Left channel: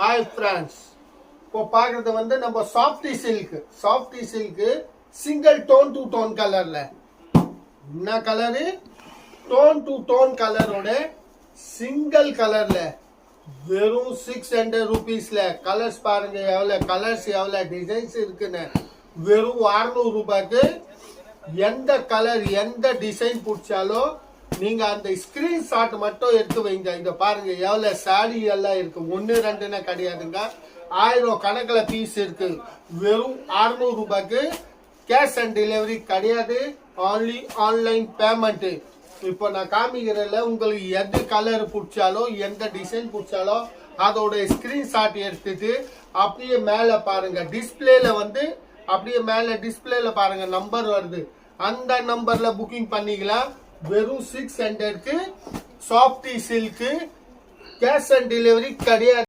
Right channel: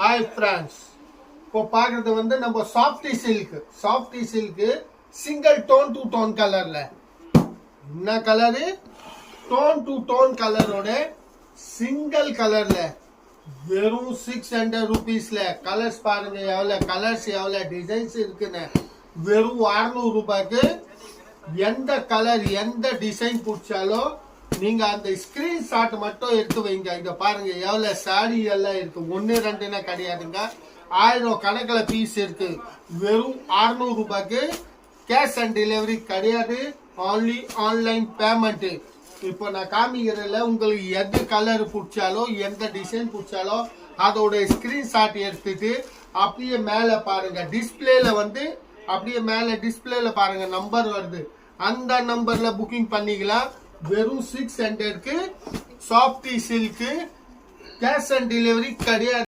Hi friends, இப்போ பார்க்கறது வந்து நம்ம softy silk single tone to tone கலர்ல. என்ன கலரு? டோன் டு டோன் கலரோட சிங்கிள் கலர்ல வெறும் 600 rupeesல. கலர்ஸ் பாருங்க எவ்வளவு கலர்ஸ், எவ்வளவு டிசைன்ஸ் இருக்குன்னு. வெறும் 600 ரூபாய்க்கு எந்த கலர் எந்த டிசைன் பிடிச்சாலும் நீங்க அந்த ஸ்கிரீன்ஷாட் மட்டும் எடுத்து வைங்க. இங்க பாருங்க எவ்வளவு சாரி எல்லாம் இருக்கு. 1 2 கிடையாதுங்க, 1000 கணக்குல பீஸ் இருக்கு. வெறும் 600 ரூபாய்க்கு கேஷ் ஆன் டெலிவரி கிடையாது, only ஆன்லைன் பேமெண்ட். இப்போ நான் காமிக்கிறதுல உங்களுக்கு எது கலர் பிடிச்சாலும் எந்த டிசைன் பிடிச்சாலும் அதோட ஸ்கிரீன்ஷாட் எடுத்துட்டு அப்படியே மேல பாருங்க டிஸ்பிளேல வந்து அப்படியே மேல டிஸ்பிளேல பாருங்க நம்பர் வருது, அந்த நம்பர்ல புக்கிங் பண்ணிக்கலாம். வெறும் 600க்கு softy silk cash on delivery கிடையாது.